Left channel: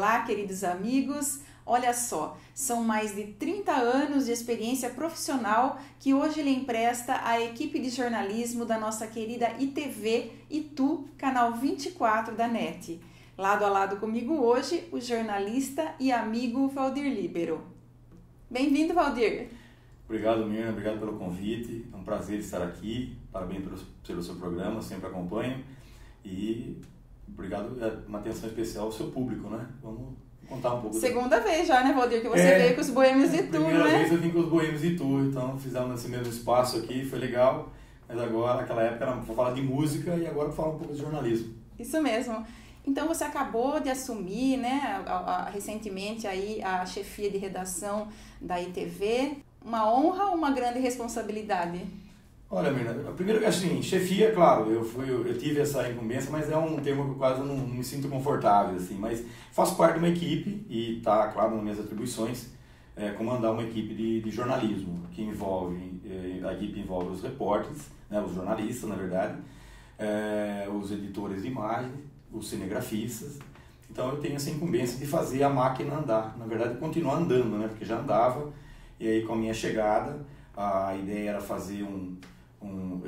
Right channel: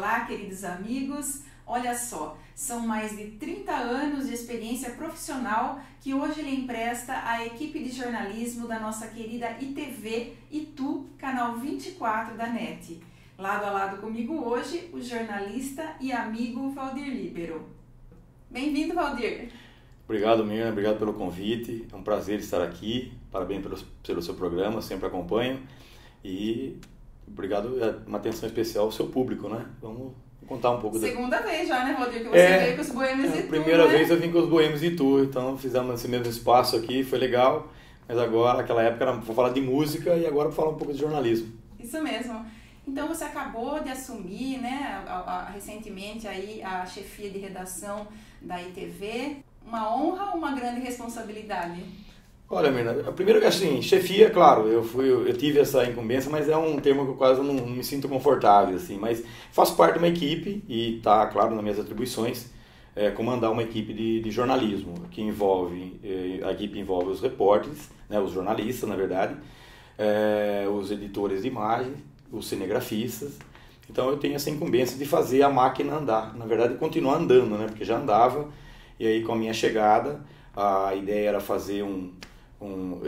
Olá, queridos amigos. Olha só, são mais de 30 anos de experiência profissional que hoje ele empresta à equipe de jornalismo da nossa querida ITV Itu, canal 24 da NET. Lado a lado comigo hoje, o jornalista e amigo Valdir Líbero. Bem-vindo, Valdir. Obrigado, Mirna. Obrigado pelo convite. É um prazer estar aqui. Parabéns pelo seu programa, sempre acompanho. E obrigado, uma atenção especial ao seu público, né? Vamos contar um pouco. Segunda vez já, né, Valdir, que você veio com os Boêmios de Itu, primeira né? vez eu vim com os Boêmios de Itu, então fizemos esse mesmo espaço aqui, foi legal. Mas agora, naquela época, vou falar de música e agora vou falar um pouco de jornalismo. Isso mesmo. Então você acabou de assumir, né, recentemente aí a chefia de redação da ITV. Uma honra ou uma grande responsabilidade? Olha, Mirna, primeiro que assim, chefia, claro, eu tive essa incumbência, mas é um termo que eu quase não me sinto confortável, assim, mas faço parte de uma equipe e está, claro, nas minhas atribuições, comandar uma equipe de jornalismo, que envolve, a equipe envolve os repórteres, né, os jornalistas, na verdade, os editores de imagem, os cinegrafistas. Então eu tenho essa incumbência de fazer a máquina andar, na verdade continuar andando, né, porque já andava, e aí com a minha chegada, a ideia era fazer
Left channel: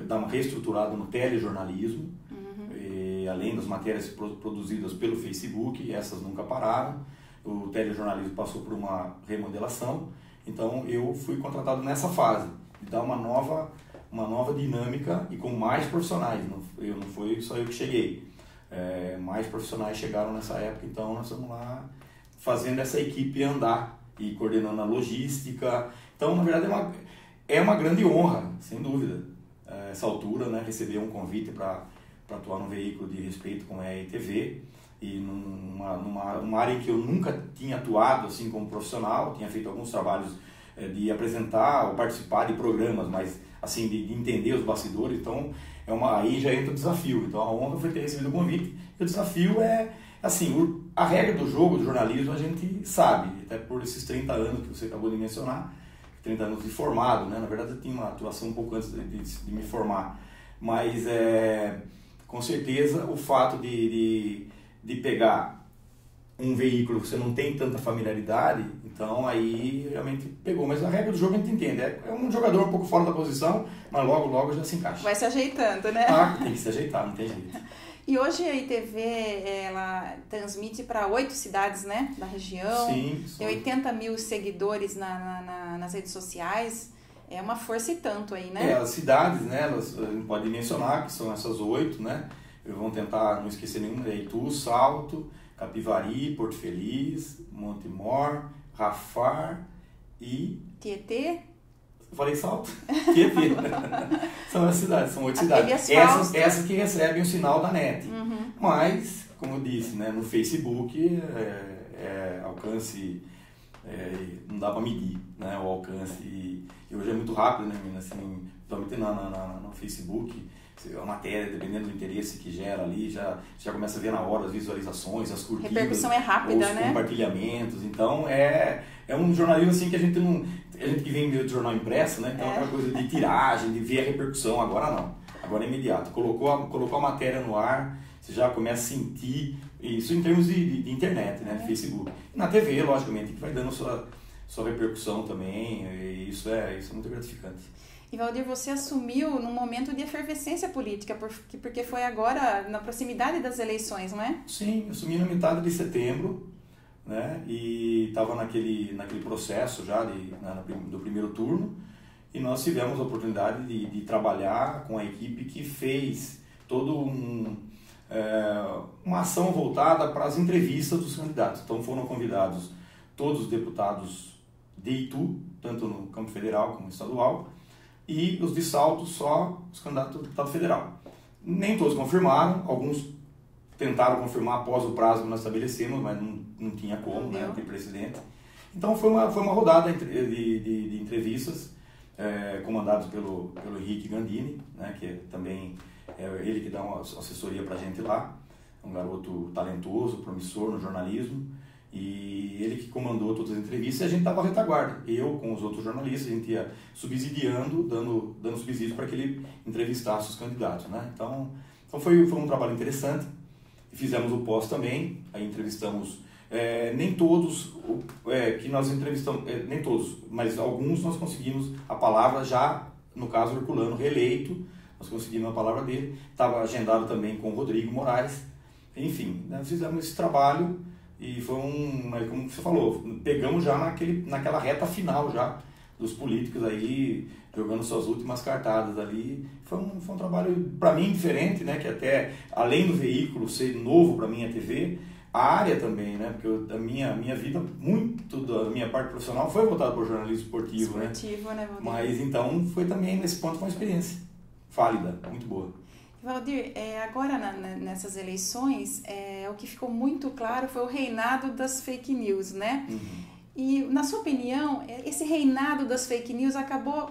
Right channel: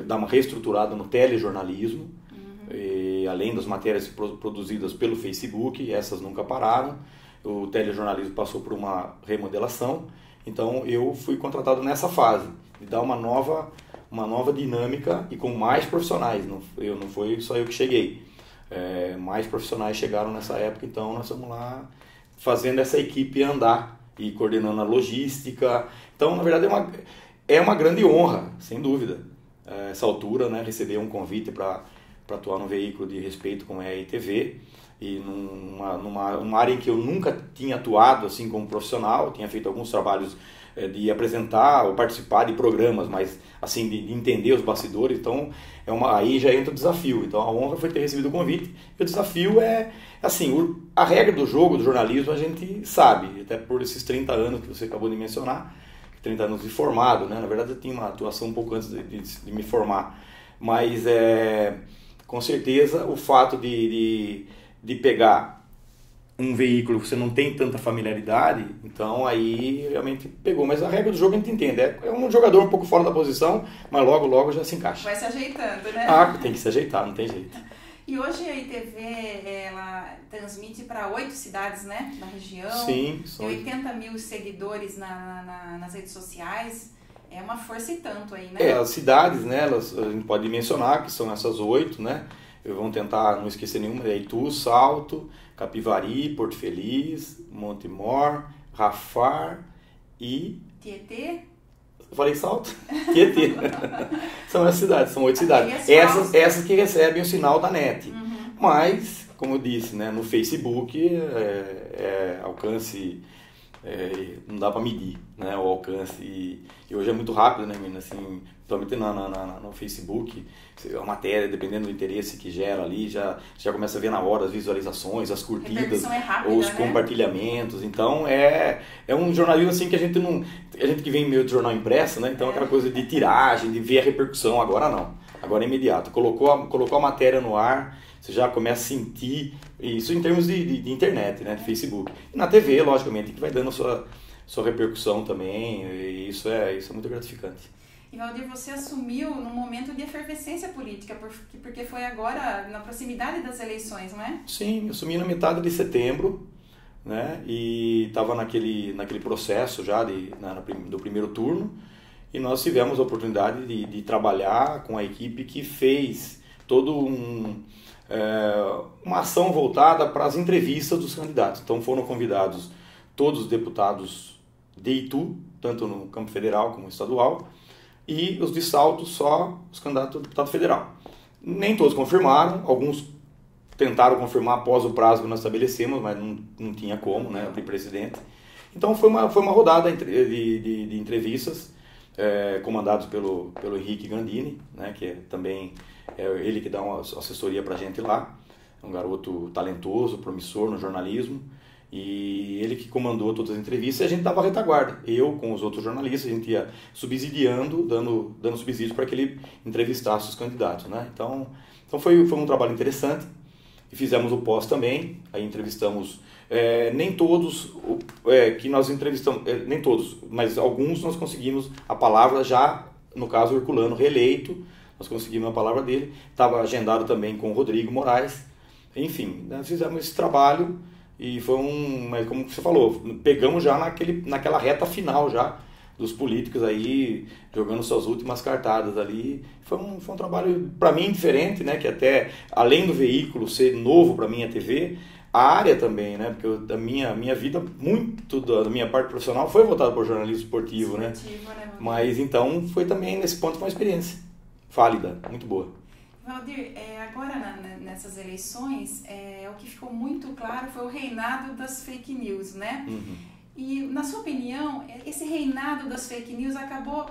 dar uma reestruturada no telejornalismo, e, além das matérias produzidas pelo Facebook, essas nunca pararam, o telejornalismo passou por uma remodelação, então eu fui contratado nessa fase, de dar uma nova dinâmica e com mais profissionais, não foi só eu que cheguei, mais profissionais chegaram nessa época, então nós estamos lá fazendo essa equipe andar e coordenando a logística, então na verdade é uma grande honra, sem dúvida, essa altura, né, receber um convite para atuar num veículo de respeito como é a ITV, e numa área em que eu nunca tinha atuado assim como profissional, tinha feito alguns trabalhos de apresentar ou participar de programas, mas assim, de entender os bastidores, então aí já entra o desafio, então a honra foi ter recebido o convite, e o desafio assim, a regra do jogo, do jornalismo, a gente sabe, até por esses 30 anos que você acabou de mencionar, 30 anos de formado, né? Na verdade eu tinha uma atuação um pouco antes de me formar, mas com certeza o fato de pegar um veículo que você não tem tanta familiaridade, então aí realmente pegou, mas a regra do jogo a gente entende, é um jogador um pouco fora da posição, mas logo já se encaixa. Vai se ajeitando, né? Tem que se ajeitar, não tem jeito. E hoje a ITV, ela transmite para 8 cidades, né, da região. Sim. Tem 80 mil seguidores nas redes sociais. É uma força e tanto aí, né? As cidades, né, a gente pode mencionar que são essas 8, né? Vamos tentar não esquecer nenhuma. Itu, Salto, Capivari, Porto Feliz, Montemor, Rafar e... Tietê? Eu falei Salto? Tietê. São as cidades, são 8 cidades. Essas que recebem o sinal da NET. Mas, como eu disse, né, no Facebook, alcance, não dá para medir, né, o alcance. E hoje é muito rápido, né, menina? Assim, principalmente no Facebook, a matéria, dependendo do interesse que gera ali, já começa a ver na hora as visualizações, as curtidas, repercussão é rápida, os compartilhamentos. Então, é um jornalismo assim que a gente que vem meio de jornal impresso, né? Então, aquela coisa de tiragem, de ver a repercussão, agora não. Agora é imediato. Colocou a matéria no ar, você já começa a sentir, isso em termos de internet, né? De Facebook. E na TV, logicamente, que vai dando sua repercussão também, e isso é muito gratificante. E Valdir, você assumiu num momento de efervescência política, porque foi agora na proximidade das eleições, não é? Sim, eu assumi na metade de setembro, né? E estava naquele processo já do primeiro turno, e nós tivemos a oportunidade de trabalhar com a equipe que fez todo uma ação voltada para as entrevistas dos candidatos. Então foram convidados todos os deputados de Itu, tanto no campo federal como estadual, e os de Salto só os candidatos a deputado federal. Nem todos confirmaram, alguns tentaram confirmar após o prazo que nós estabelecemos, mas não tinha como, né, não tem precedente. Então foi uma rodada de entrevistas, comandados pelo Henrique Gandini, né, que também é ele que dá uma assessoria pra gente lá, um garoto talentoso, promissor no jornalismo, e ele que comandou todas as entrevistas, e a gente dava retaguarda. Eu, com os outros jornalistas, a gente ia subsidiando, dando subsídio para que ele entrevistasse os candidatos, né? Então foi um trabalho interessante. E fizemos o pós também, aí entrevistamos nem todos que nós entrevistamos, nem todos, mas alguns nós conseguimos a palavra já, no caso o Herculano reeleito, nós conseguimos a palavra dele, estava agendado também com o Rodrigo Moraes, enfim, nós fizemos esse trabalho e foi mas como você falou, pegamos já naquela reta final já, dos políticos aí, jogando suas últimas cartadas ali. Foi um trabalho, para mim, diferente, né? Que até, além do veículo ser novo para mim, a TV, a área também, né? Porque a minha vida, muito da minha parte profissional foi voltada para o jornalismo esportivo, né? Mas, então, foi também, nesse ponto, uma experiência válida, muito boa. Valdir, agora nessas eleições, o que ficou muito claro foi o reinado das fake news, né? Uhum. E, na sua opinião, esse reinado das fake news acabou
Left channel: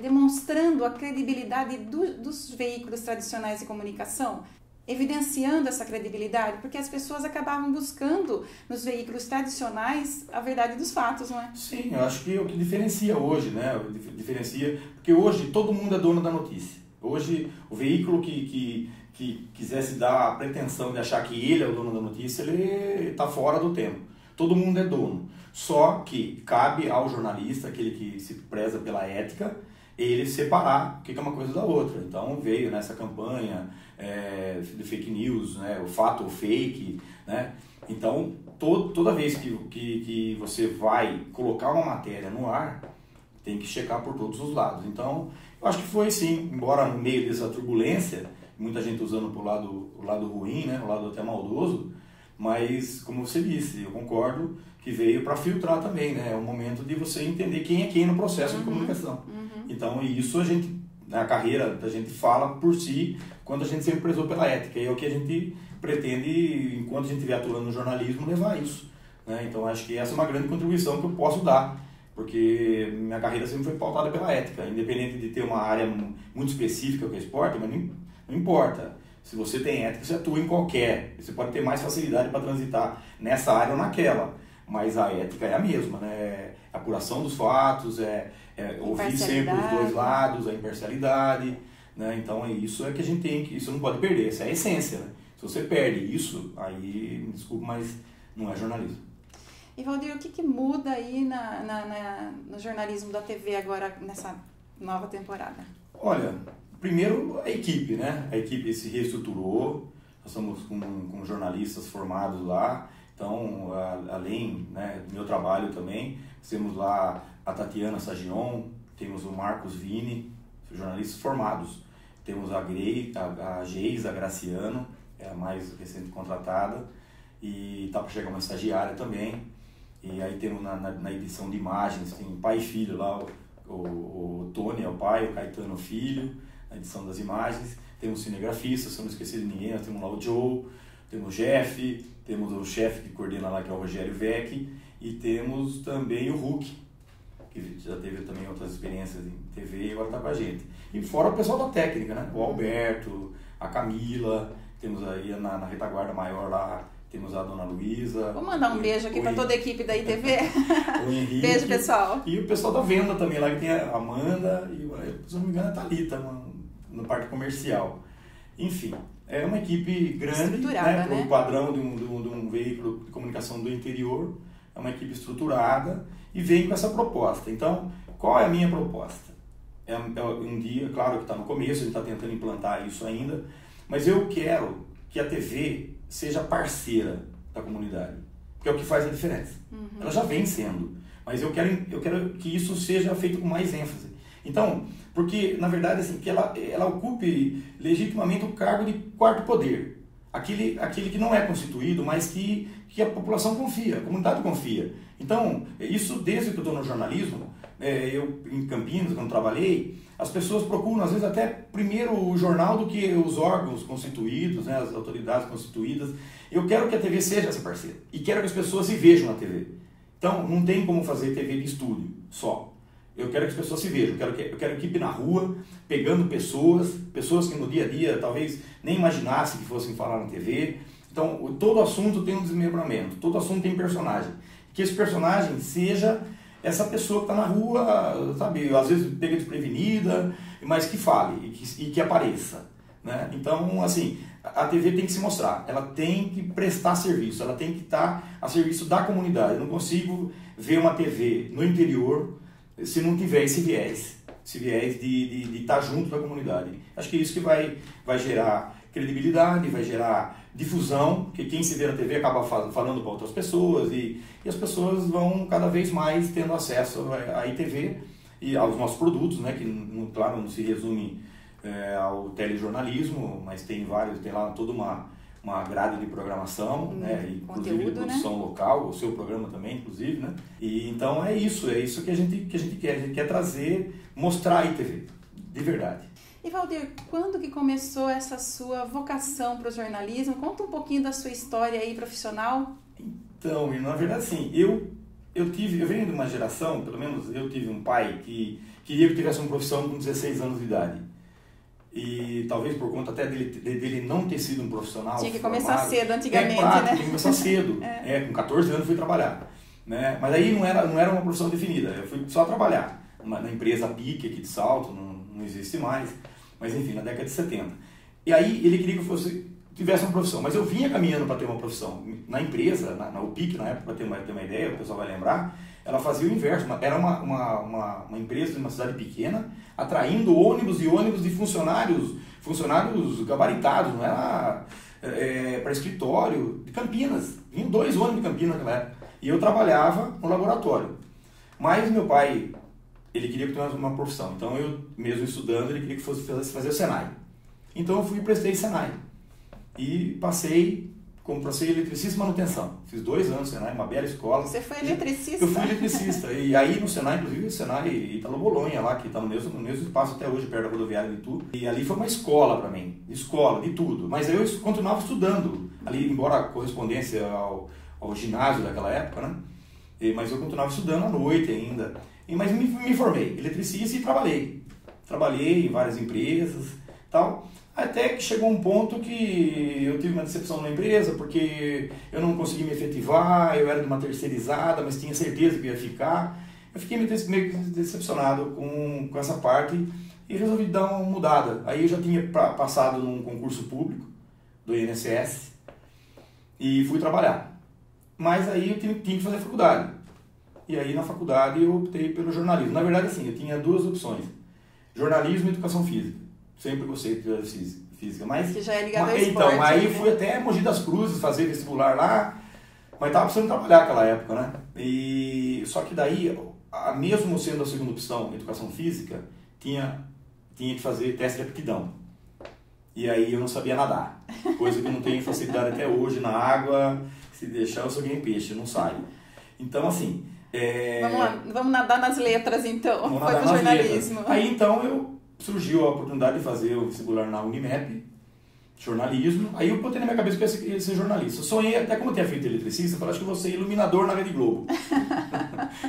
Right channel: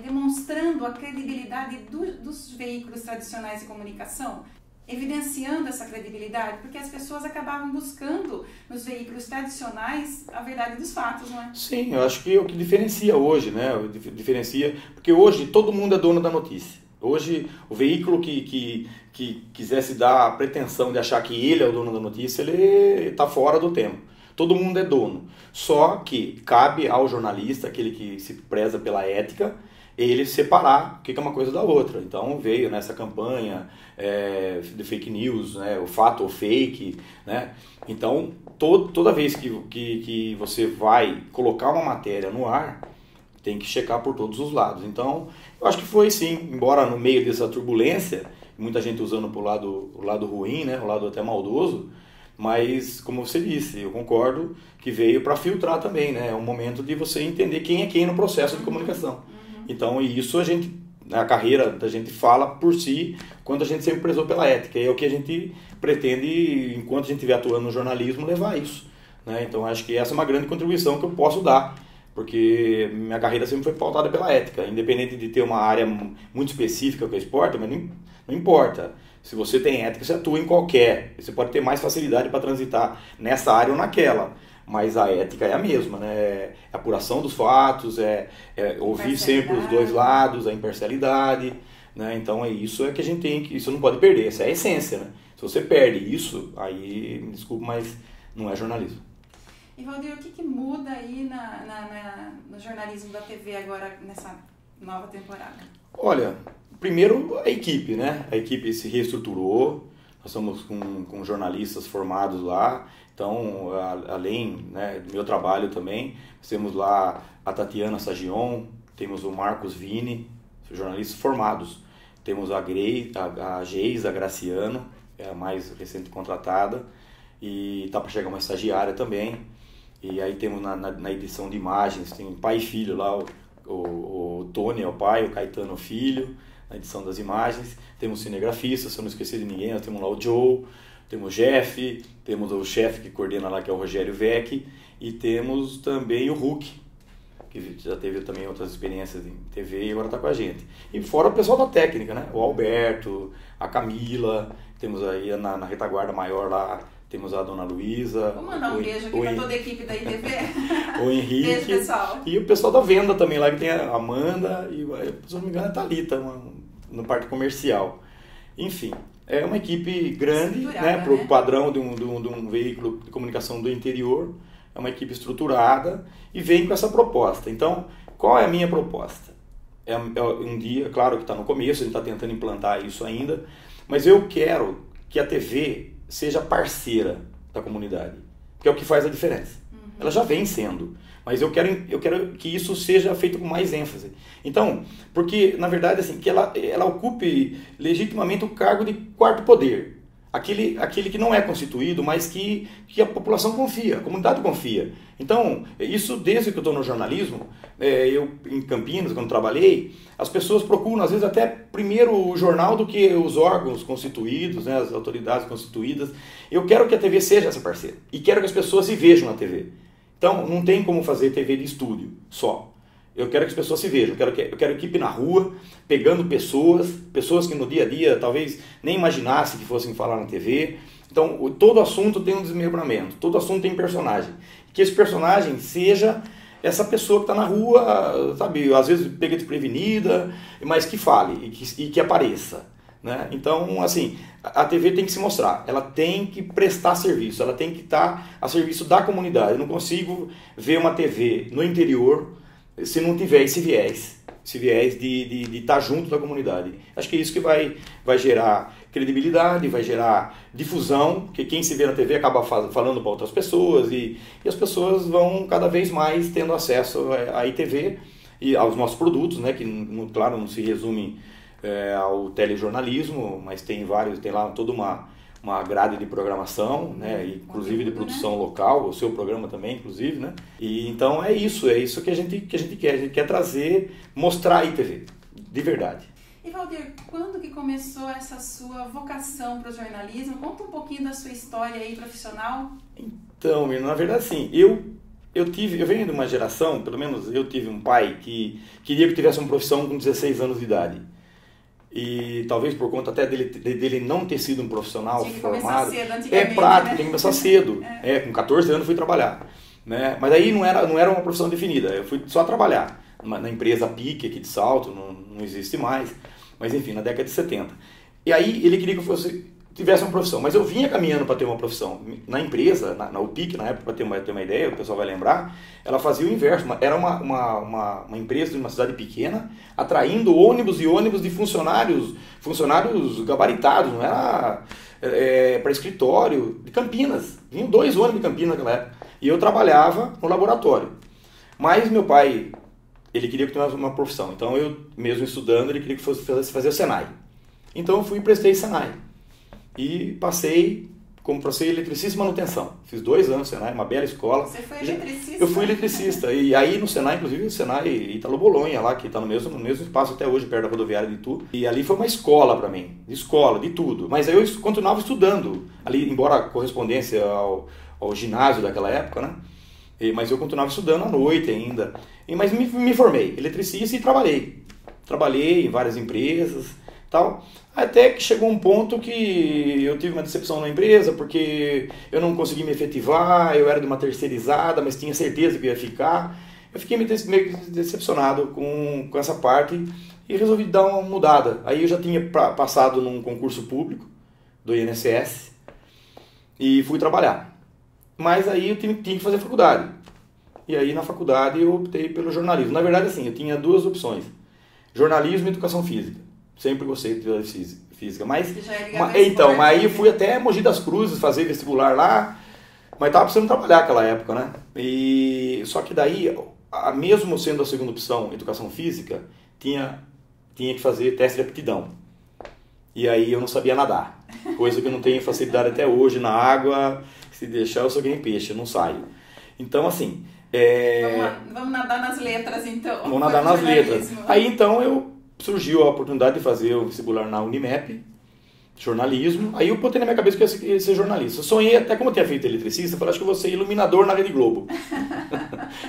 demonstrando a credibilidade dos veículos tradicionais de comunicação, evidenciando essa credibilidade, porque as pessoas acabavam buscando nos veículos tradicionais a verdade dos fatos, não é? Sim, eu acho que é o que diferencia hoje, né? Diferencia, porque hoje todo mundo é dono da notícia. Hoje, o veículo que quisesse dar a pretensão de achar que ele é o dono da notícia, ele está fora do tempo. Todo mundo é dono. Só que cabe ao jornalista, aquele que se preza pela ética, ele separar o que é uma coisa da outra. Então veio nessa campanha de fake news, né, o fato ou fake, né? Então toda vez que você vai colocar uma matéria no ar, tem que checar por todos os lados. Então eu acho que foi sim, embora no meio dessa turbulência, muita gente usando para o lado ruim, né, o lado até maldoso, mas como você disse, eu concordo que veio para filtrar também, né? É um momento de você entender quem é quem no processo de comunicação. Então, isso a carreira da gente fala por si, quando a gente sempre prezou pela ética. E é o que a gente pretende, enquanto a gente estiver atuando no jornalismo, levar isso, né? Então, acho que essa é uma grande contribuição que eu posso dar, porque minha carreira sempre foi pautada pela ética, independente de ter uma área muito específica que é esporte, mas não importa. Se você tem ética, você atua em qualquer. Você pode ter mais facilidade para transitar nessa área ou naquela. Mas a ética é a mesma, né? É a apuração dos fatos, ouvir sempre os dois lados, a imparcialidade, né? Então isso que a gente tem que... Isso não pode perder, essa é a essência, né? Se você perde isso, aí, me desculpe, mas não é jornalismo. E Valdir, o que muda aí no jornalismo da TV agora, nessa nova temporada? Olha... Primeiro, a equipe, né? A equipe se reestruturou, nós estamos com jornalistas formados lá, então, além, né, do meu trabalho também, temos lá a Tatiana Sagion, temos o Marcos Vini, jornalistas formados, temos a Geisa Graciano, é a mais recente contratada, e está para chegar uma estagiária também, e aí temos na edição de imagens, tem pai e filho lá, o Tony é o pai, o Caetano é o filho, na edição das imagens, temos cinegrafistas, se eu não esquecer de ninguém, nós temos lá o Joe, temos o Jeff, temos o chefe que coordena lá, que é o Rogério Vec, e temos também o Hulk, que já teve também outras experiências em TV e agora está com a gente. E fora o pessoal da técnica, né? O Alberto, a Camila, temos aí na retaguarda maior lá, temos a Dona Luísa. Vou mandar um beijo aqui para toda a equipe da ITV. O Henrique. Beijo, pessoal. E o pessoal da venda também lá, que tem a Amanda e, se não me engano, a Thalita, no parte comercial. Enfim, é uma equipe grande, né, para o padrão de um veículo de comunicação do interior. É uma equipe estruturada e vem com essa proposta. Então, qual é a minha proposta? É um dia, claro que está no começo, a gente está tentando implantar isso ainda, mas eu quero que a TV seja parceira da comunidade, que é o que faz a diferença. Ela já vem sendo, mas eu quero que isso seja feito com mais ênfase. Então, porque, na verdade, assim, que ela ocupe legitimamente o cargo de quarto poder. Aquele que não é constituído, mas que a população confia, a comunidade confia. Então, isso desde que eu estou no jornalismo, eu em Campinas, quando trabalhei, as pessoas procuram, às vezes, até primeiro o jornal do que os órgãos constituídos, né, as autoridades constituídas. Eu quero que a TV seja essa parceira e quero que as pessoas se vejam na TV. Então, não tem como fazer TV de estúdio só. Eu quero que as pessoas se vejam, eu quero equipe na rua, pegando pessoas que no dia a dia talvez nem imaginassem que fossem falar na TV. Então, todo assunto tem um desmembramento, todo assunto tem personagem. Que esse personagem seja essa pessoa que está na rua, sabe, às vezes pega desprevenida, mas que fale e que apareça, né? Então, assim, a TV tem que se mostrar, ela tem que prestar serviço, ela tem que estar a serviço da comunidade. Eu não consigo ver uma TV no interior se não tiver esse viés de estar junto da comunidade. Acho que é isso que vai gerar credibilidade, vai gerar difusão, porque quem se vê na TV acaba falando para outras pessoas e as pessoas vão cada vez mais tendo acesso à ITV e aos nossos produtos, né, que, claro, não se resume ao telejornalismo, mas tem lá toda uma grade de programação, né, inclusive de produção, né, local, o seu programa também, inclusive, né? E então é isso que a gente quer. A gente quer trazer, mostrar a ITV, de verdade. E Valdir, quando que começou essa sua vocação para o jornalismo? Conta um pouquinho da sua história aí profissional. Então, na verdade, assim, eu venho de uma geração, pelo menos eu tive um pai que queria que eu tivesse uma profissão com 16 anos de idade. E talvez por conta até dele não ter sido um profissional tinha que formado. Começar cedo antigamente, prático, né? Tem que começar cedo. Com 14 anos fui trabalhar. Né? Mas aí não era uma profissão definida, eu fui só trabalhar. Na empresa PIC aqui de Salto, não existe mais. Mas enfim, na década de 70. E aí ele queria que eu tivesse uma profissão, mas eu vinha caminhando para ter uma profissão. Na empresa, na UPIC, na época, para ter uma ideia, o pessoal vai lembrar, ela fazia o inverso. Era uma empresa de uma cidade pequena, atraindo ônibus de funcionários gabaritados, não era para escritório, de Campinas. Vinham 2 ônibus de Campinas naquela época. E eu trabalhava no laboratório. Mas meu pai, ele queria que eu tivesse uma profissão. Então eu, mesmo estudando, ele queria que fosse fazer o Senai. Então eu fui e prestei Senai. E passei eletricista e manutenção. Fiz 2 anos no Senai, uma bela escola. Você foi eletricista? Eu fui eletricista. E aí no Senai, inclusive, o Senai Ítalo Bolonha, lá, que está no mesmo espaço até hoje, perto da rodoviária de Itu. E ali foi uma escola para mim. Escola, de tudo. Mas aí eu continuava estudando. Ali, embora a correspondência ao ginásio daquela época, né? Mas eu continuava estudando à noite ainda. Mas me formei eletricista e trabalhei. Trabalhei em várias empresas, tal. Até que chegou um ponto que eu tive uma decepção na empresa, porque eu não consegui me efetivar, eu era de uma terceirizada, mas tinha certeza que ia ficar. Eu fiquei meio decepcionado com essa parte e resolvi dar uma mudada. Aí eu já tinha passado num concurso público do INSS e fui trabalhar. Mas aí eu tinha que fazer faculdade. E aí na faculdade eu optei pelo jornalismo. Na verdade, assim, eu tinha 2 opções: jornalismo e educação física. Sempre gostei de física, mas você já é ligado ao então, esporte, aí né? eu fui até Mogi das Cruzes fazer vestibular lá, mas tava precisando trabalhar naquela época, né? E só que daí, mesmo sendo a segunda opção, educação física, tinha que fazer teste de aptidão. E aí eu não sabia nadar, coisa que eu não tenho facilidade até hoje na água. Se deixar eu sou que nem peixe, eu não saio. Então, assim... Vamos nadar nas letras, então. Vamos nadar nas letras. Aí, então, surgiu a oportunidade de fazer o vestibular na Unimep, jornalismo. Aí eu botei na minha cabeça que eu ia ser jornalista. Eu sonhei, até como eu tinha feito eletricista, eu falei, acho que eu vou ser iluminador na Rede Globo.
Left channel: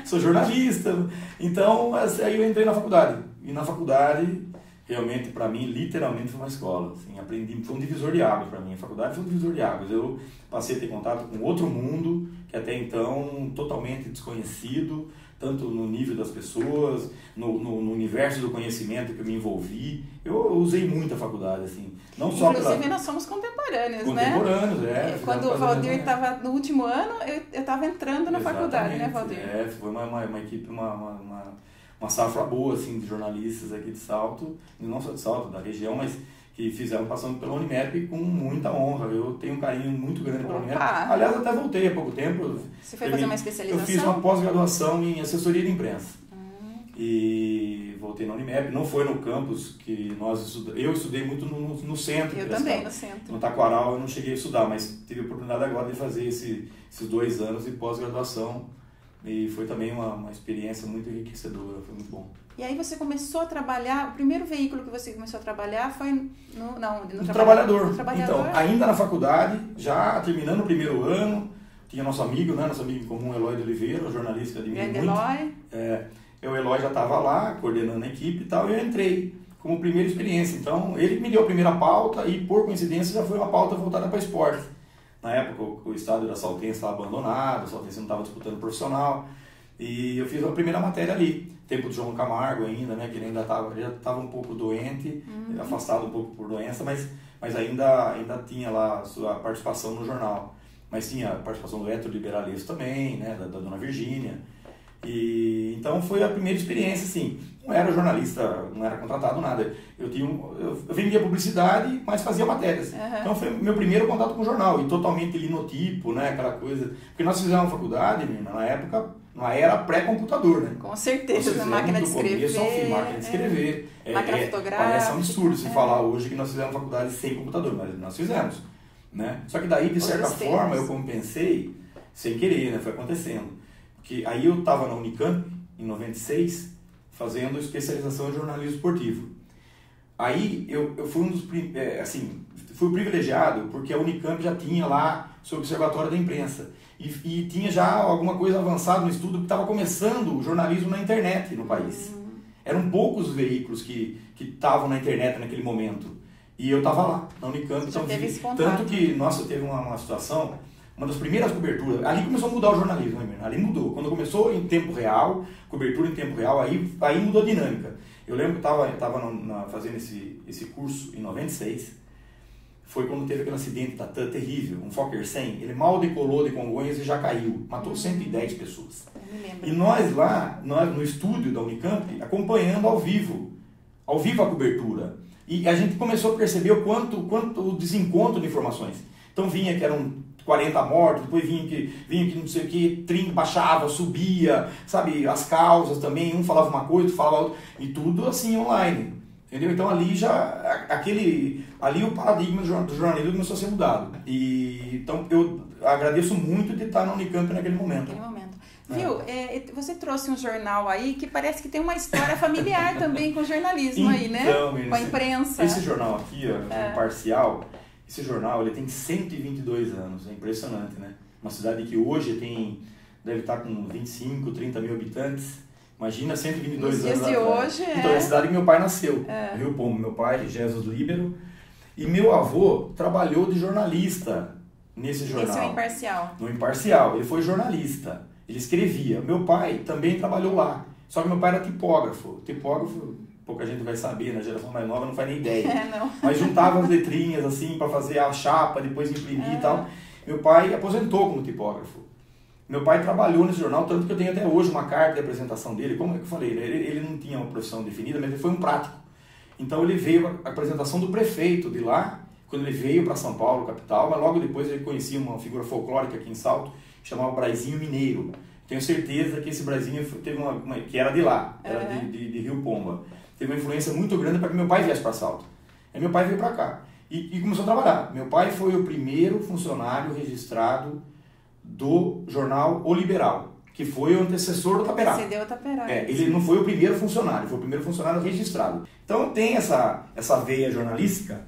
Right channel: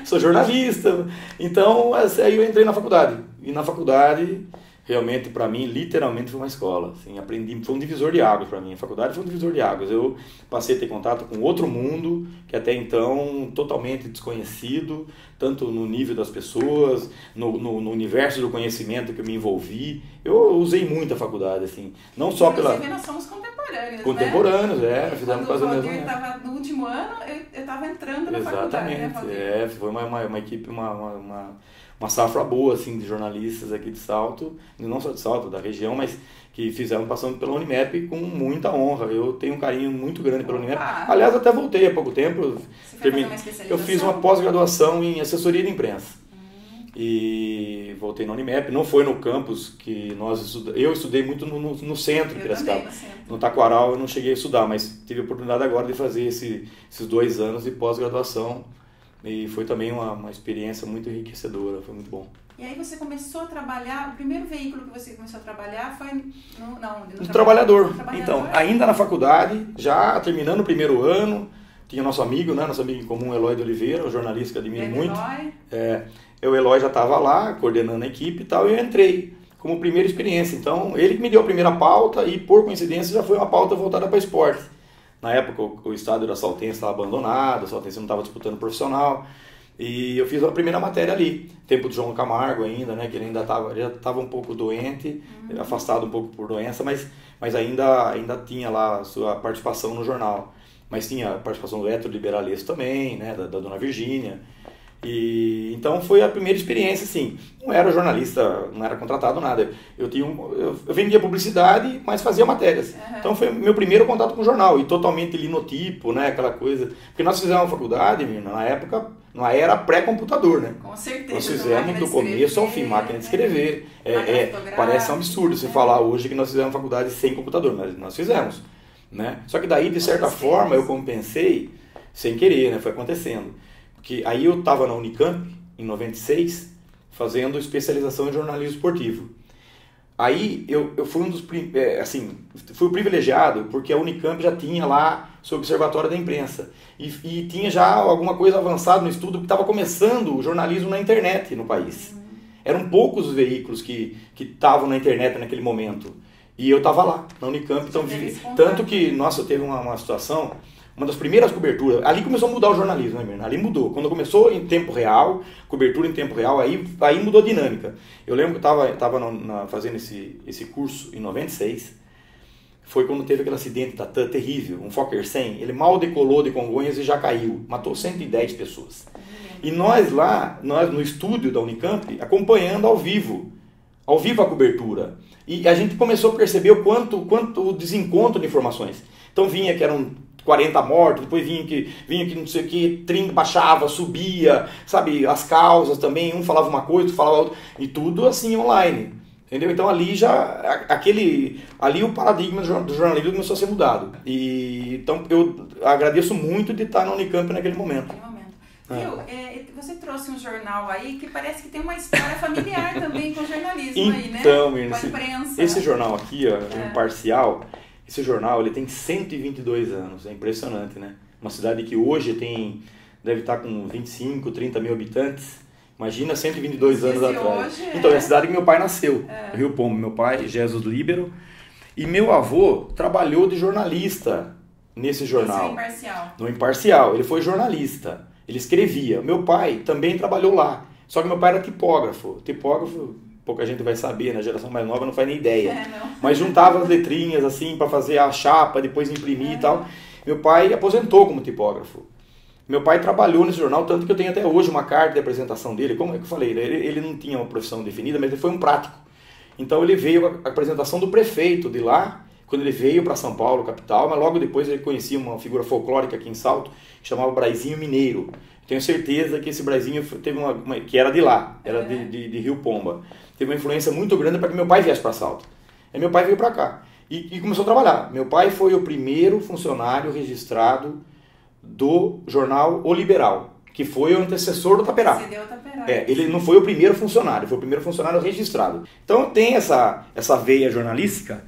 Sou jornalista. Então, aí eu entrei na faculdade. E na faculdade, realmente, para mim, literalmente foi uma escola. Assim, aprendi, foi um divisor de águas para mim. A faculdade foi um divisor de águas. Eu passei a ter contato com outro mundo, que até então totalmente desconhecido, tanto no nível das pessoas, no universo do conhecimento que eu me envolvi. Eu usei muito a faculdade, assim, não só pela... Inclusive, nós somos contemporâneos, né? Quando o Valdir estava no último ano, eu estava entrando na faculdade, né, Valdir? Foi uma equipe, uma safra boa, assim, de jornalistas aqui de Salto, não só de Salto, da região, mas que fizeram passando pela Unimep com muita honra. Eu tenho um carinho muito grande pela Unimep. Aliás, até voltei há pouco tempo. Você foi fazer uma especialização? Eu fiz uma pós-graduação em assessoria de imprensa. E voltei na Unimep. Não foi no campus que eu estudei muito no centro. Eu também, no centro. No Taquaral eu não cheguei a estudar, mas tive a oportunidade agora de fazer esses 2 anos de pós-graduação. E foi também uma experiência muito enriquecedora, foi muito bom. E aí você começou a trabalhar, o primeiro veículo que você começou a trabalhar foi no Trabalhador. Então, ainda na faculdade, já terminando o primeiro ano, tinha nosso amigo em comum, Eloy de Oliveira, um jornalista que admiro muito. O Eloy já estava lá, coordenando a equipe e tal, e eu entrei como primeira experiência. Então, ele me deu a primeira pauta e, por coincidência, já foi uma pauta voltada para esporte. Na época, o estádio da Saltense estava abandonado, a Saltense não estava disputando profissional. E eu fiz a primeira matéria ali, tempo do João Camargo ainda, né, que ele ainda estava um pouco doente, afastado um pouco por doença, mas ainda tinha lá a sua participação no jornal. Mas tinha a participação do Héctor Liberales também, né, da dona Virgínia. E então foi a primeira experiência, assim. Não era jornalista, não era contratado, nada. Eu vendia publicidade, mas fazia matérias. Então foi meu primeiro contato com o jornal, e totalmente linotipo, né, aquela coisa. Porque nós fizemos uma faculdade, na época, na era pré-computador, né? Com certeza. Nós fizemos do começo ao fim, máquina de escrever. Parece um absurdo você falar hoje que nós fizemos faculdade sem computador, mas nós fizemos. Né? Só que daí, de certa forma, eu compensei sem querer, né? Foi acontecendo. Porque aí eu estava na Unicamp, em 96, fazendo especialização em jornalismo esportivo. Aí eu fui fui privilegiado, porque a Unicamp já tinha lá seu observatório da imprensa. E tinha já alguma coisa avançada no estudo, que estava começando o jornalismo na internet no país. Eram poucos os veículos que estavam na internet naquele momento. E eu estava lá, na Unicamp, então tanto que, nossa, teve uma situação, uma das primeiras coberturas, ali começou a mudar o jornalismo, né, Mirna? Ali mudou. Quando começou em tempo real, cobertura em tempo real, aí mudou a dinâmica. Eu lembro que eu estava fazendo esse curso em 96, foi quando teve aquele acidente da TAM terrível, um Fokker 100, ele mal decolou de Congonhas e já caiu, matou 110 pessoas. E nós lá, no estúdio da Unicamp, acompanhando ao vivo a cobertura. E a gente começou a perceber o quanto o desencontro de informações. Então vinha que eram 40 mortos, depois vinha que não sei o que, baixava, subia, sabe, as causas também, um falava uma coisa, outro falava outra, e tudo assim online, entendeu? Então ali ali o paradigma do jornalismo começou a ser mudado. Então eu agradeço muito de estar na Unicamp naquele momento. Viu, você trouxe um jornal aí que parece que tem uma história familiar também com o jornalismo aí, né? Então, com a imprensa. Esse jornal aqui, ó, Imparcial, esse jornal ele tem 122 anos, é impressionante, né? Uma cidade que hoje deve estar com 25, 30 mil habitantes. Imagina 122 anos atrás. Então, é a cidade que meu pai nasceu, Rio Pombo. Meu pai, Jesus Líbero, e meu avô trabalhou de jornalista nesse jornal. Esse é o Imparcial. No Imparcial, ele foi jornalista. Ele escrevia. Meu pai também trabalhou lá. Só que meu pai era tipógrafo. Tipógrafo, pouca gente vai saber, na geração mais nova não faz nem ideia. Mas juntava as letrinhas assim para fazer a chapa, depois imprimir e tal. Meu pai aposentou como tipógrafo. Meu pai trabalhou nesse jornal, tanto que eu tenho até hoje uma carta de apresentação dele. Como é que eu falei? Ele não tinha uma profissão definida, mas ele foi um prático. Então ele veio a apresentação do prefeito de lá, quando ele veio para São Paulo, capital, mas logo depois ele conhecia uma figura folclórica aqui em Salto, que chamava Braizinho Mineiro. Tenho certeza que esse Braizinho teve que era de lá, era de Rio Pomba. Teve uma influência muito grande para que meu pai viesse para Salto. Aí meu pai veio para cá e começou a trabalhar. Meu pai foi o primeiro funcionário registrado do jornal O Liberal, que foi o antecessor do Taperá. Antecedeu o Taperá. Ele não foi o primeiro funcionário, foi o primeiro funcionário registrado. Então tem essa veia jornalística,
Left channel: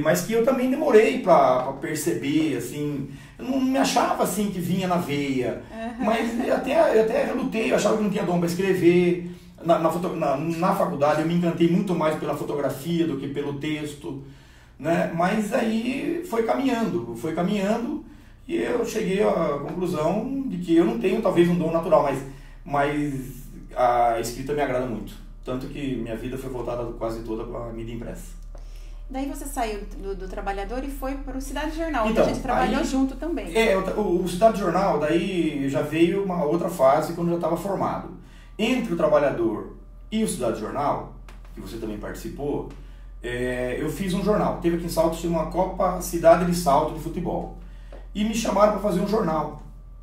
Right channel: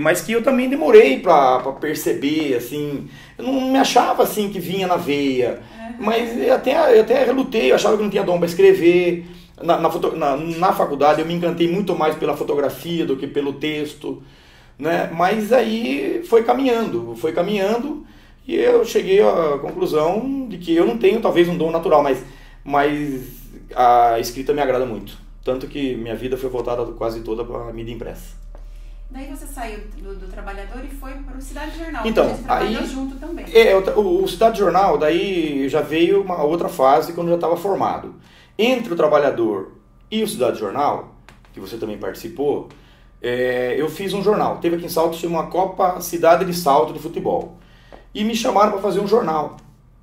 mas que eu também demorei para perceber, assim, eu não me achava assim que vinha na veia, mas eu até relutei, eu achava que não tinha dom para escrever. Na faculdade eu me encantei muito mais pela fotografia do que pelo texto, né? Mas aí foi caminhando, e eu cheguei à conclusão de que eu não tenho talvez um dom natural, mas a escrita me agrada muito, tanto que minha vida foi voltada quase toda para a mídia impressa. Daí você saiu do Trabalhador e foi para o Cidade Jornal, então, que a gente trabalhou junto também. O Cidade Jornal, daí já veio uma outra fase quando eu já estava formado. Entre o Trabalhador e o Cidade Jornal, que você também participou, eu fiz um jornal. Teve aqui em Salto, tinha uma Copa Cidade de Salto de futebol. E me chamaram para fazer um jornal.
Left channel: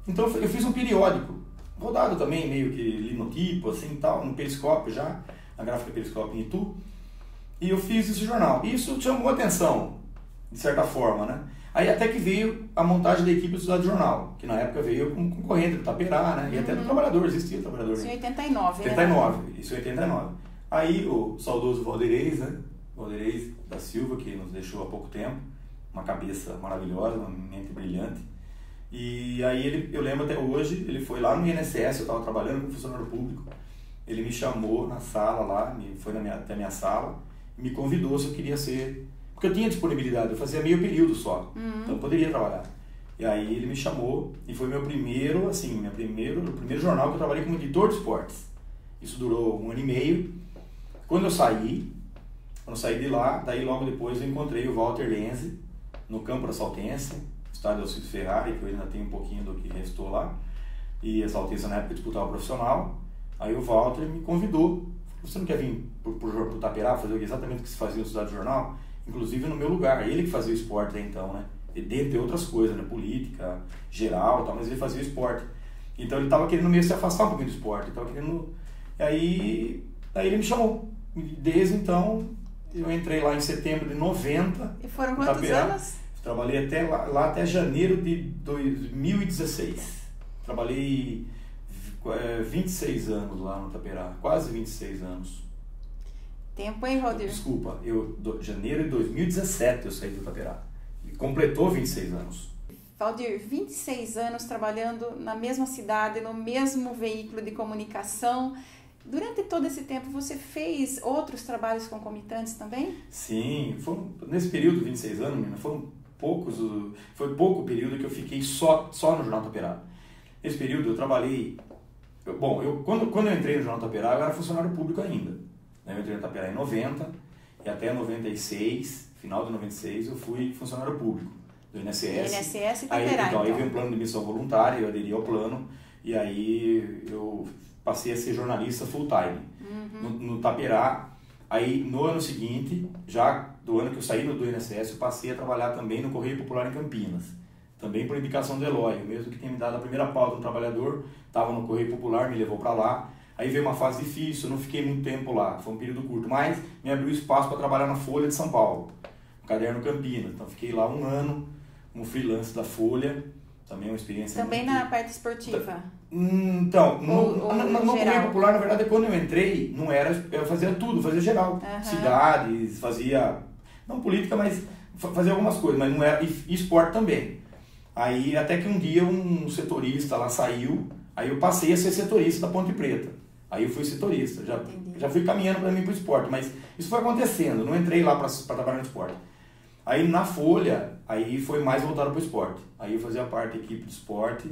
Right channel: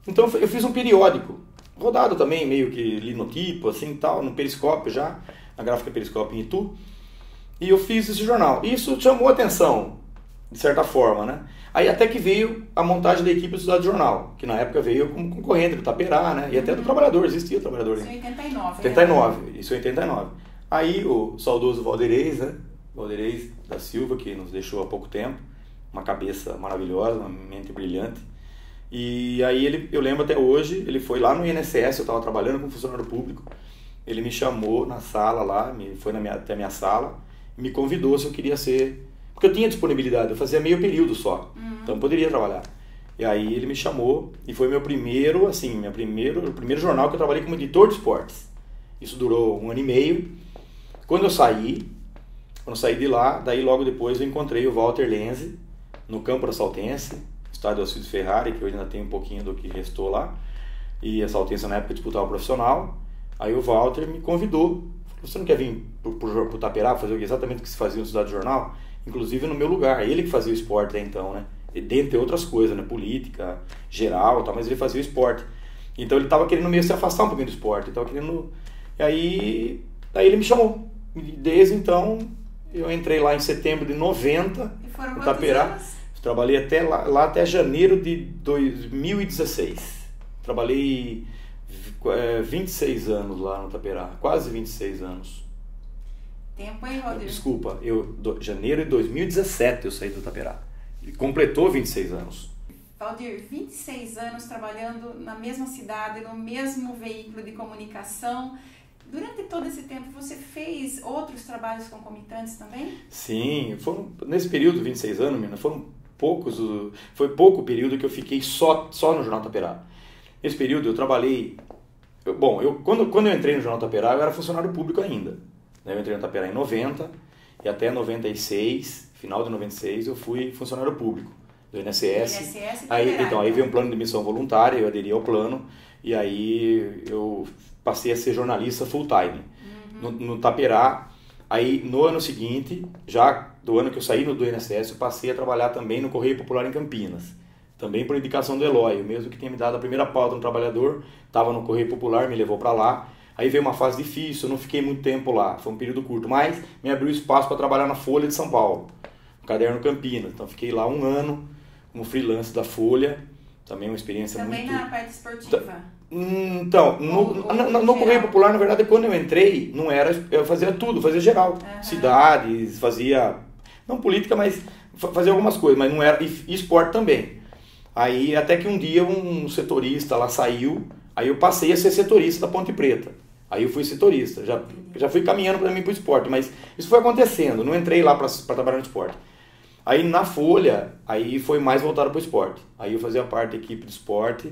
Então eu fiz um periódico, rodado também, meio que linotipo, assim tal, no Periscópio já, na gráfica Periscópio em Itu. E eu fiz esse jornal. Isso chamou a atenção, de certa forma, né? Aí até que veio a montagem da equipe do Cidade Jornal, que na época veio como concorrente do Taperá, né? E até do Trabalhador, existia o Trabalhador. Isso em 89, 89, isso em 89. Aí o saudoso Valderez, né? Valderez da Silva, que nos deixou há pouco tempo, uma cabeça maravilhosa, uma mente brilhante. E aí eu lembro até hoje, ele foi lá no INSS, eu estava trabalhando como funcionário público, ele me chamou na sala lá, foi até a minha sala, me convidou se eu queria ser, porque eu tinha disponibilidade, eu fazia meio período só, então eu poderia trabalhar. E aí ele me chamou e foi meu primeiro, assim, o primeiro jornal que eu trabalhei como editor de esportes. Isso durou 1 ano e meio. Quando eu saí de lá, daí logo depois eu encontrei o Walter Lenzi no campo da Saltense, estádio Alcides Ferrari, que eu ainda tenho um pouquinho do que restou lá. E a Saltense na época disputava o profissional. Aí o Walter me convidou. Você não quer vir pro Taperá fazer exatamente o que se fazia no Cidade Jornal? Inclusive no meu lugar. Ele que fazia o esporte até então, né? E dentre outras coisas, né? Política, geral, tal, mas ele fazia o esporte. Então ele estava querendo meio se afastar um pouquinho do esporte. E aí ele me chamou. E desde então, eu entrei lá em setembro de 90. E foram no quantos Taperá. anos? Trabalhei até lá até janeiro de 2016. Trabalhei 26 anos lá no Taperá. Quase 26 anos. Tempo, hein, Valdir? Desculpa, janeiro de 2017 eu saí do Taperá. Ele completou 26 anos. Valdir, 26 anos trabalhando na mesma cidade, no mesmo veículo de comunicação. Durante todo esse tempo, você fez outros trabalhos concomitantes também? Sim, nesse período de 26 anos, menina, foi pouco o período que eu fiquei só no Jornal Taperá. Nesse período eu trabalhei... Quando eu entrei no Jornal Taperá, eu era funcionário público ainda. Eu entrei no Taperá em 90 e até 96, final de 96, eu fui funcionário público do INSS. INSS e Taperá, aí veio um plano de missão voluntária, eu aderi ao plano e aí eu passei a ser jornalista full time no Taperá. Aí no ano seguinte, já do ano que eu saí do INSS, eu passei a trabalhar também no Correio Popular em Campinas. Também por indicação do Eloy, mesmo que tenha me dado a primeira pauta no trabalhador, estava no Correio Popular, me levou para lá. Aí veio uma fase difícil, eu não fiquei muito tempo lá, foi um período curto, mas me abriu espaço para trabalhar na Folha de São Paulo, no Caderno Campinas. Então fiquei lá 1 ano como freelance da Folha, também uma experiência também muito... na parte esportiva? Então, no Correio Popular, na verdade, quando eu entrei, não era, eu fazia tudo, fazia geral, cidades, fazia, não política, mas fazia algumas coisas, mas não era, e esporte também. Aí até que um dia um setorista lá saiu, aí eu passei a ser setorista da Ponte Preta. Aí eu fui setorista, já fui caminhando para mim para o esporte, mas isso foi acontecendo, não entrei lá para trabalhar no esporte. Aí na Folha, aí foi mais voltado para o esporte. Aí eu fazia parte da equipe de esporte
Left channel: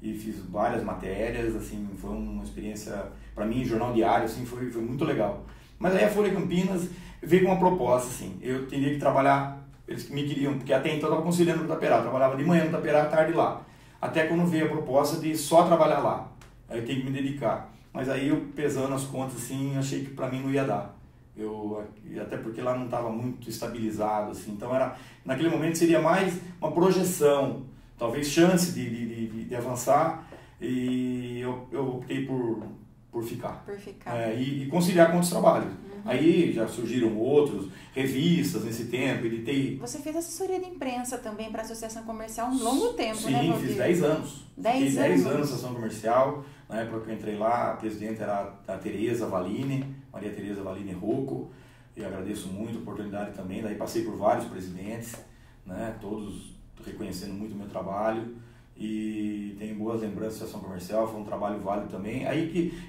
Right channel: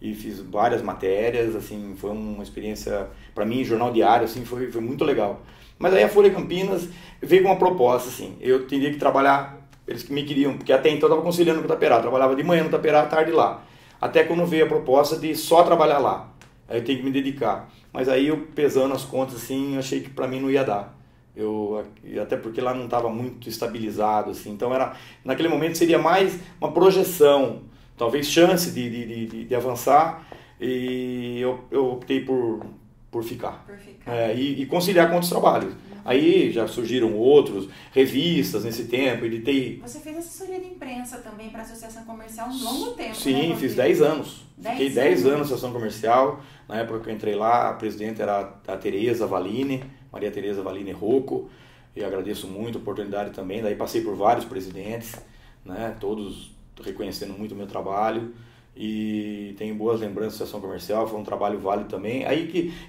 e fiz várias matérias, assim, foi uma experiência, para mim, jornal diário, assim, foi muito legal. Mas aí a Folha Campinas veio com uma proposta, assim, eu teria que trabalhar, eles me queriam, porque até então eu estava conciliando com o Taperá, trabalhava de manhã no Taperá, à tarde lá. Até quando veio a proposta de só trabalhar lá, aí eu tenho que me dedicar. Mas aí eu, pesando as contas, assim, achei que para mim não ia dar. Até porque lá não estava muito estabilizado, assim. Então naquele momento seria mais uma projeção, talvez chance de avançar, e eu optei por ficar. E conciliar com outros trabalhos. Aí já surgiram outros, revistas nesse tempo, editei... Você fez assessoria de imprensa também para a Associação Comercial um longo tempo, sim, né? Sim, fiz 10 anos. Fiquei 10 anos na Associação Comercial. Na época que eu entrei lá, a presidente era a Tereza Valine, Maria Tereza Valine Rocco, e agradeço muito a oportunidade também. Daí passei por vários presidentes, né? Todos reconhecendo muito o meu trabalho. E tenho boas lembranças da Associação Comercial, foi um trabalho válido também.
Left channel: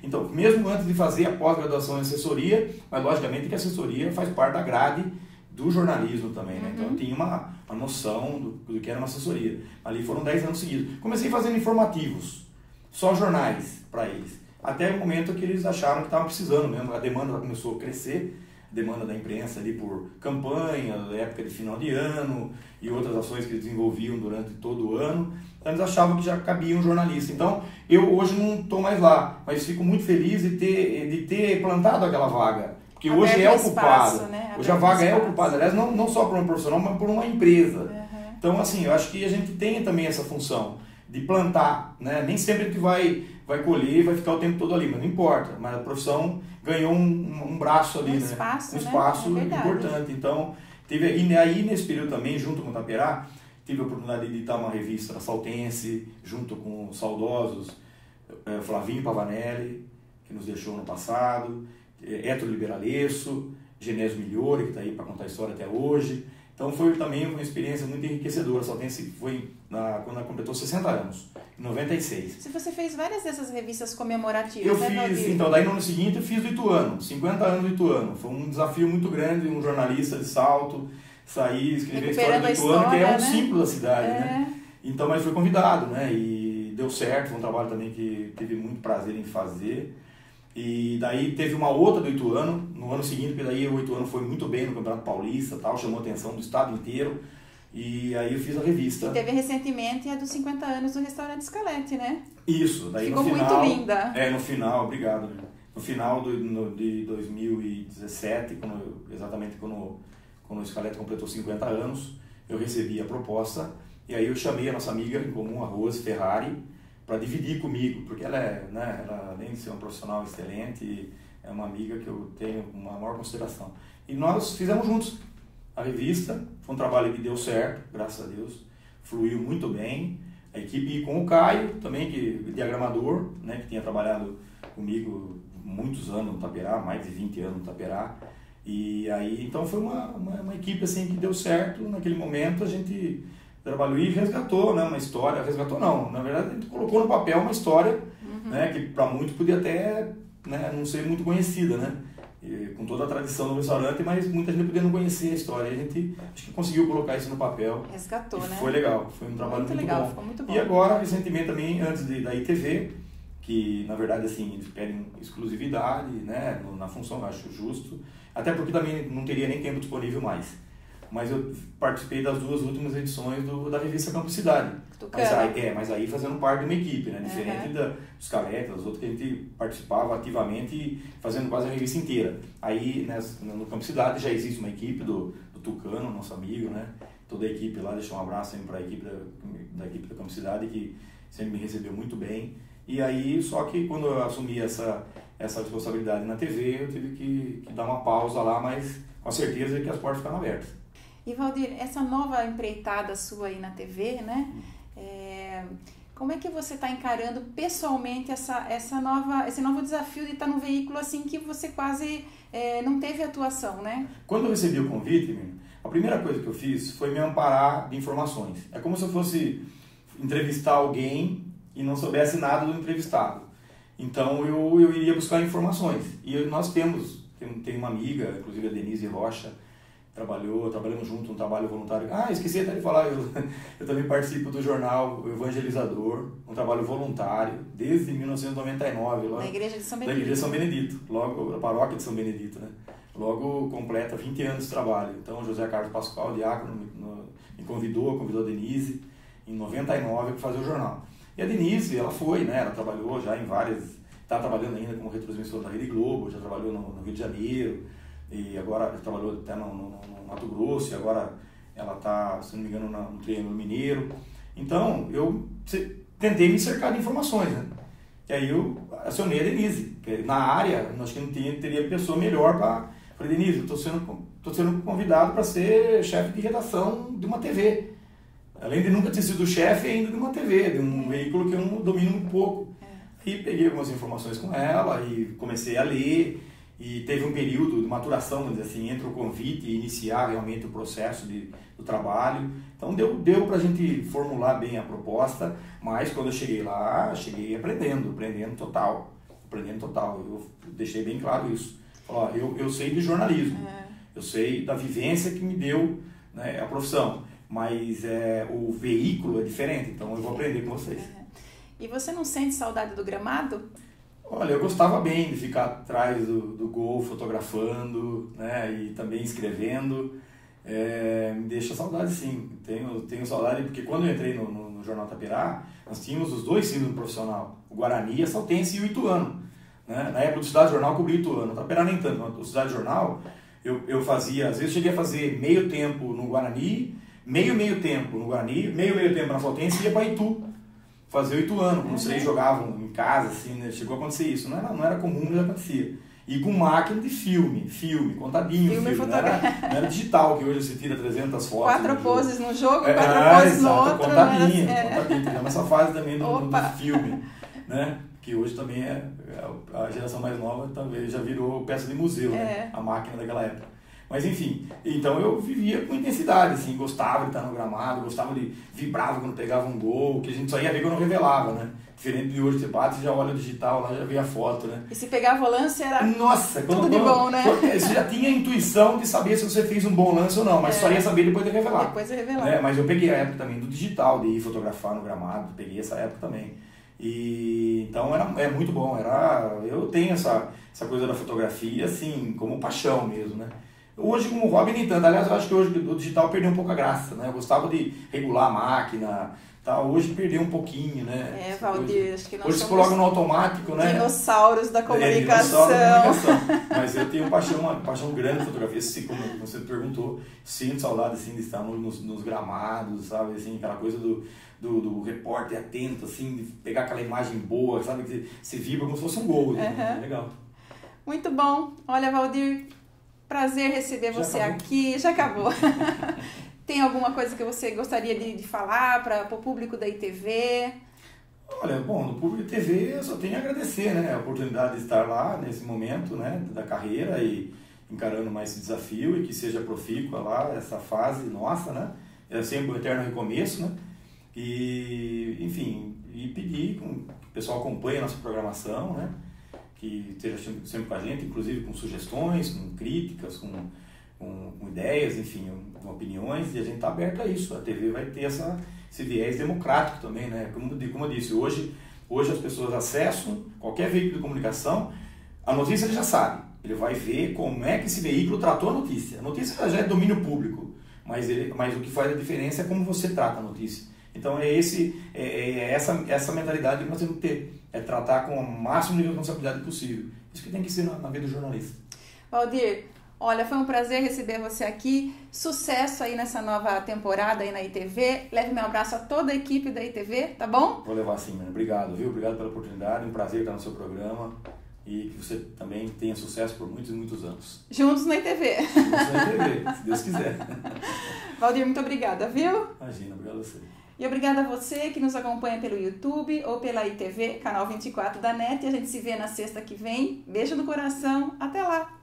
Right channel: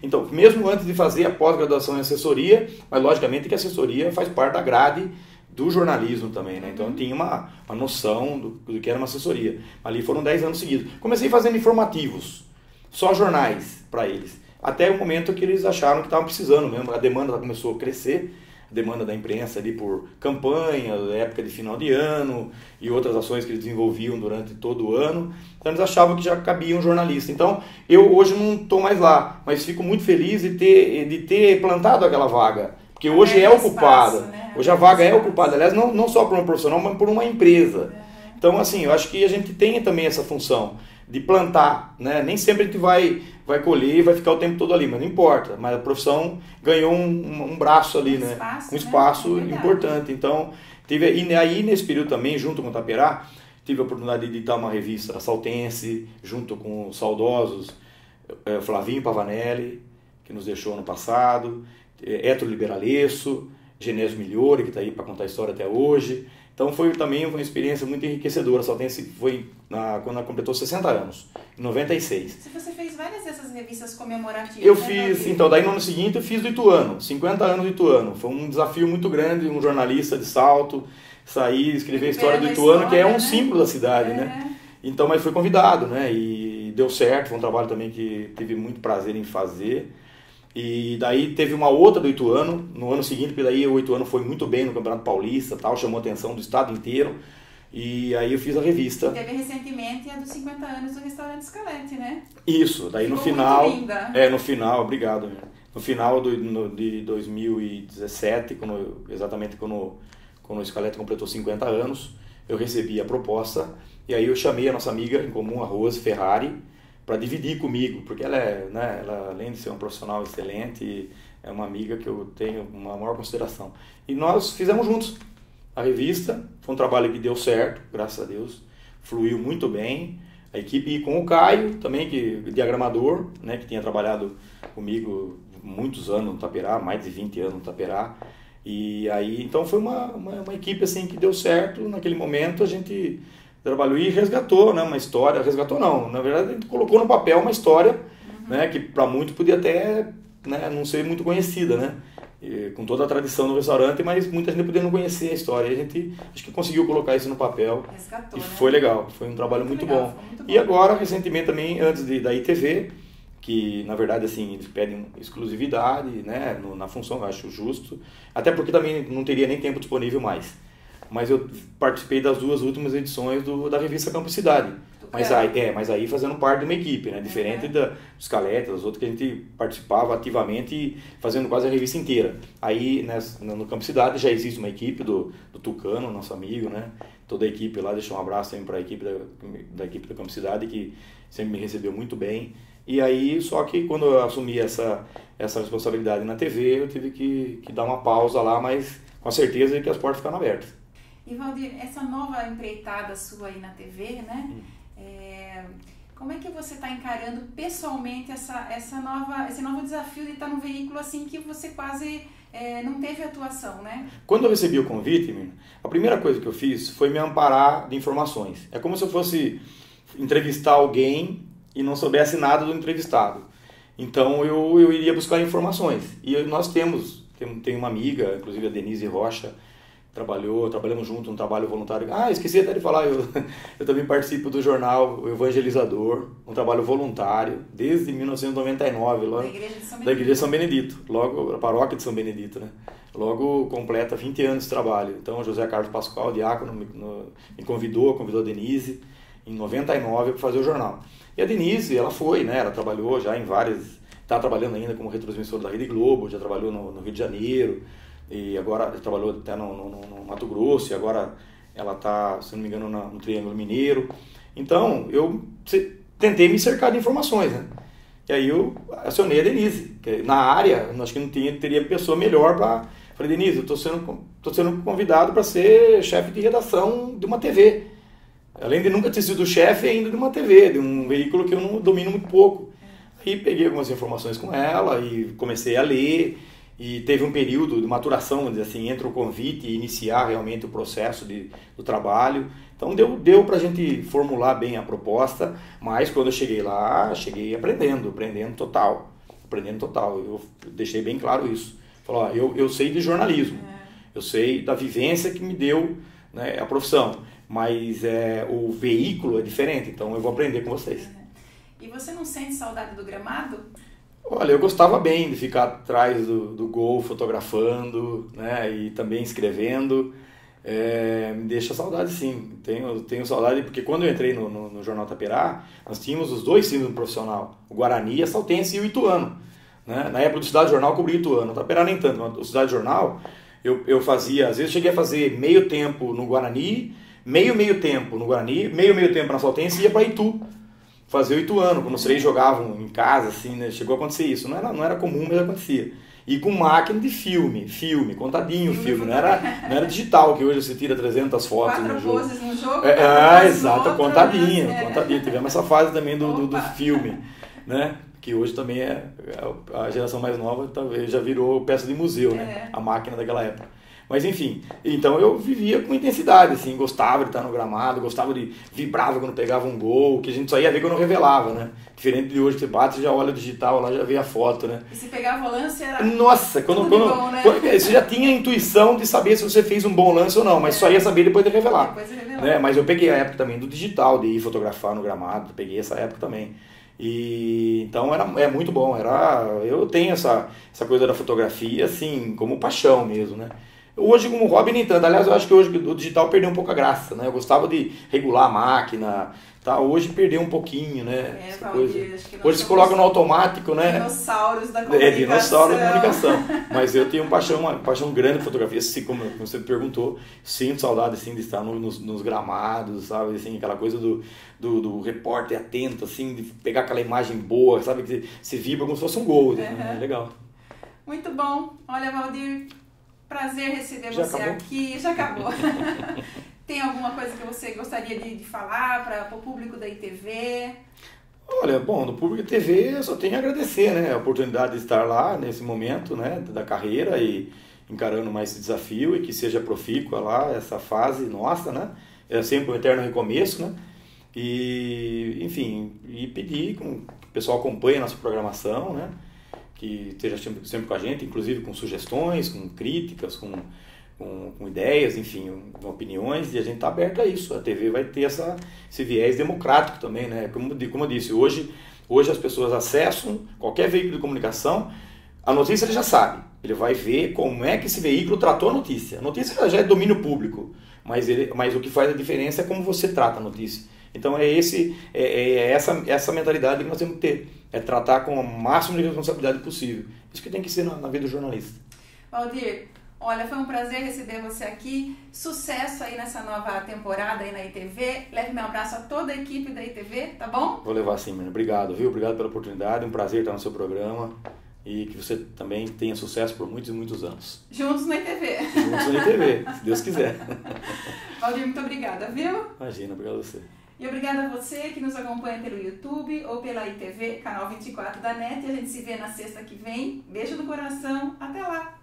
Então, mesmo antes de fazer a pós-graduação em assessoria, mas logicamente que a assessoria faz parte da grade do jornalismo também, né? Então eu tinha uma noção do que era uma assessoria. Ali foram 10 anos seguidos. Comecei fazendo informativos, só jornais para eles. Até o momento que eles acharam que estavam precisando mesmo, a demanda começou a crescer. Demanda da imprensa ali por campanha, época de final de ano e outras ações que eles desenvolviam durante todo o ano. Então eles achavam que já cabia um jornalista. Então eu hoje não estou mais lá, mas fico muito feliz de ter plantado aquela vaga. Porque hoje é ocupada. Né? Hoje a vaga é ocupada, aliás, não só por uma profissional, mas por uma empresa. Então assim, eu acho que a gente tem também essa função de plantar, né? Nem sempre a gente vai colher e vai ficar o tempo todo ali, mas não importa. Mas a profissão ganhou um braço ali, né? Um espaço importante. Então, e aí nesse período também, junto com o Taperá, tive a oportunidade de editar uma revista da Saltense, junto com os saudosos Flavinho Pavanelli, que nos deixou ano passado, Héctor Liberalesso, Genésio Migliori, que está aí para contar a história até hoje. Então foi também uma experiência muito enriquecedora. A Saltense foi quando ela completou 60 anos, em 96. Se você fez várias dessas revistas comemorativas, eu fiz, então daí no ano seguinte eu fiz do Ituano, 50 anos do Ituano. Foi um desafio muito grande, um jornalista de Salto, sair, escrever a história do Ituano, que é um símbolo da cidade, né? Então, mas fui convidado, né? E deu certo, foi um trabalho também que tive muito prazer em fazer. E daí teve uma outra do Ituano, no ano seguinte, porque daí o Ituano foi muito bem no Campeonato Paulista, tal, chamou a atenção do estado inteiro. E aí eu fiz a revista. E teve recentemente a dos 50 anos do Restaurante Scalete, né? Isso, daí ficou no final... muito linda. No final, obrigado. No final de 2017, exatamente quando o Scalete completou 50 anos, eu recebi a proposta e aí eu chamei a nossa amiga em comum, a Rose Ferrari, para dividir comigo, porque ela ela, além de ser uma profissional excelente, é uma amiga que eu tenho uma maior consideração. E nós fizemos juntos a revista, foi um trabalho que deu certo, graças a Deus, fluiu muito bem. A equipe, e com o Caio também, diagramador, né, que tinha trabalhado comigo muitos anos no Taperá, mais de 20 anos no Taperá. E aí, então foi uma equipe assim que deu certo. Naquele momento a gente trabalhou e resgatou, né, uma história, resgatou não, na verdade a gente colocou no papel uma história, né, que para muitos podia até, né, não ser muito conhecida, né, com toda a tradição do restaurante, mas muita gente podia não conhecer a história. E a gente acho que conseguiu colocar isso no papel. Resgatou, e né? Foi legal, foi um trabalho muito legal, bom. ficou muito bom. E agora, recentemente também, antes da ITV, que na verdade assim, eles pedem exclusividade, né, na função, eu acho justo, até porque também não teria nem tempo disponível mais. Mas eu participei das 2 últimas edições da revista Campo Cidade. Mas aí fazendo parte de uma equipe, né? Diferente dos Scalete, das outras que a gente participava ativamente, fazendo quase a revista inteira. Aí, no Campo Cidade já existe uma equipe do Tucano, nosso amigo, né? Toda a equipe lá, deixa um abraço também para a equipe da equipe da Campo Cidade, que sempre me recebeu muito bem. E aí, só que quando eu assumi essa responsabilidade na TV, eu tive que dar uma pausa lá, mas com a certeza de que as portas ficaram abertas. E Valdir, essa nova empreitada sua aí na TV, né? Como é que você está encarando pessoalmente esse novo desafio de estar num veículo assim que você quase não teve atuação, né? Quando eu recebi o convite, a primeira coisa que eu fiz foi me amparar de informações. É como se eu fosse entrevistar alguém e não soubesse nada do entrevistado. Então eu iria buscar informações. E nós temos uma amiga, inclusive a Denise Rocha, trabalhamos junto, um trabalho voluntário. Esqueci até de falar, eu também participo do jornal Evangelizador, um trabalho voluntário, desde 1999, lá, da Igreja de São Benedito. Da Igreja de São Benedito, logo, a paróquia de São Benedito, né? Logo completa 20 anos de trabalho. Então, José Carlos Pascoal, diácono, me convidou a Denise, em 99, para fazer o jornal. E a Denise, ela foi, né? Ela trabalhou já em várias... Está trabalhando ainda como retransmissora da Rede Globo, já trabalhou no Rio de Janeiro, e agora trabalhou até no Mato Grosso, e agora ela está, se não me engano, no Triângulo Mineiro. Então, eu tentei me cercar de informações, né? E aí eu acionei a Denise, que na área, acho que não teria pessoa melhor para... Falei, Denise, eu estou sendo convidado para ser chefe de redação de uma TV. Além de nunca ter sido chefe ainda de uma TV, de um veículo que eu não domino muito pouco. Aí peguei algumas informações com ela e comecei a ler. E teve um período de maturação, vamos dizer assim, entre o convite e iniciar realmente o processo do trabalho. Então deu para a gente formular bem a proposta, mas quando eu cheguei lá, cheguei aprendendo total. Eu deixei bem claro isso. Falei, eu sei de jornalismo, eu sei da vivência que me deu, né, a profissão, mas o veículo é diferente, então eu vou aprender com vocês. E você não sente saudade do gramado? Olha, eu gostava bem de ficar atrás do gol, fotografando, né, e também escrevendo. Me deixa saudade, sim. Tenho saudade, porque quando eu entrei no Jornal Taperá, nós tínhamos os 2 times profissional, o Guarani, a Saltense e o Ituano. Né? Na época do Cidade Jornal, eu cobri o Ituano. O Taperá nem tanto, mas o Cidade Jornal, eu fazia, às vezes cheguei a fazer meio tempo no Guarani, meio tempo no Guarani, meio tempo na Saltense e ia para Itu. Fazer o Ituano, quando os 3 jogavam em casa, assim, né? Chegou a acontecer isso. Não era comum, mas acontecia. E com máquina de filme, contadinho filme. Não era digital, que hoje você tira 300 fotos 4 poses no jogo, 4 poses no outro. Contadinho. Tivemos essa fase também do filme, né? Que hoje também a geração mais nova talvez já virou peça de museu, né? A máquina daquela época. Mas enfim, então eu vivia com intensidade, assim, gostava de estar no gramado, vibrava quando pegava um gol, que a gente só ia ver quando revelava, né? Diferente de hoje, você bate, você já olha o digital, lá já vê a foto, né? E se pegava o lance era Nossa, tudo de bom, né? Você já tinha a intuição de saber se você fez um bom lance ou não, mas só ia saber depois de revelar. Depois de revelar. Né? Mas eu peguei a época também do digital, de ir fotografar no gramado, peguei essa época também. E então é muito bom, eu tenho essa coisa da fotografia assim, como paixão mesmo, né? Hoje como hobby nem tanto, aliás eu acho que hoje o digital perdeu um pouco a graça, né? Eu gostava de regular a máquina, tá? Hoje perdeu um pouquinho, né? Valdir, acho que nós hoje se coloca no automático, né? Dinossauros da comunicação. Dinossauro da comunicação. Mas eu tenho uma paixão grande por fotografia, assim, como você perguntou, sinto saudade assim, de estar nos gramados, sabe? Assim, aquela coisa do repórter atento, assim, de pegar aquela imagem boa, sabe? Que se vibra como se fosse um gol. Né? Legal. Muito bom. Olha, Valdir, prazer receber você aqui. Já acabou. Tem alguma coisa que você gostaria de falar para o público da ITV? Olha, bom, no público da ITV eu só tenho a agradecer, né? A oportunidade de estar lá nesse momento, né? Da carreira e encarando mais esse desafio e que seja profícua lá, essa fase nossa, né? É sempre um eterno recomeço, né? E, enfim, pedir que o pessoal acompanhe a nossa programação, né? Que esteja sempre com a gente, inclusive com sugestões, com críticas, com ideias, enfim, com opiniões, e a gente está aberto a isso. A TV vai ter esse viés democrático também, né? Como eu disse, hoje as pessoas acessam qualquer veículo de comunicação, a notícia ele já sabe, ele vai ver como é que esse veículo tratou a notícia. A notícia já é domínio público, mas o que faz a diferença é como você trata a notícia. Então é essa mentalidade que nós temos que ter, é tratar com o máximo de responsabilidade possível. Isso que tem que ser na vida do jornalista. Valdir, olha, foi um prazer receber você aqui, sucesso aí nessa nova temporada aí na ITV, leve meu abraço a toda a equipe da ITV, tá bom? Vou levar sim, mano. Obrigado, viu? Obrigado pela oportunidade, um prazer estar no seu programa e que você também tenha sucesso por muitos e muitos anos. Juntos na ITV. Juntos na ITV, se Deus quiser. Valdir, muito obrigada, viu? Imagina, obrigado a você. E obrigada a você que nos acompanha pelo YouTube ou pela ITV, canal 24 da NET. E a gente se vê na sexta que vem. Beijo no coração. Até lá!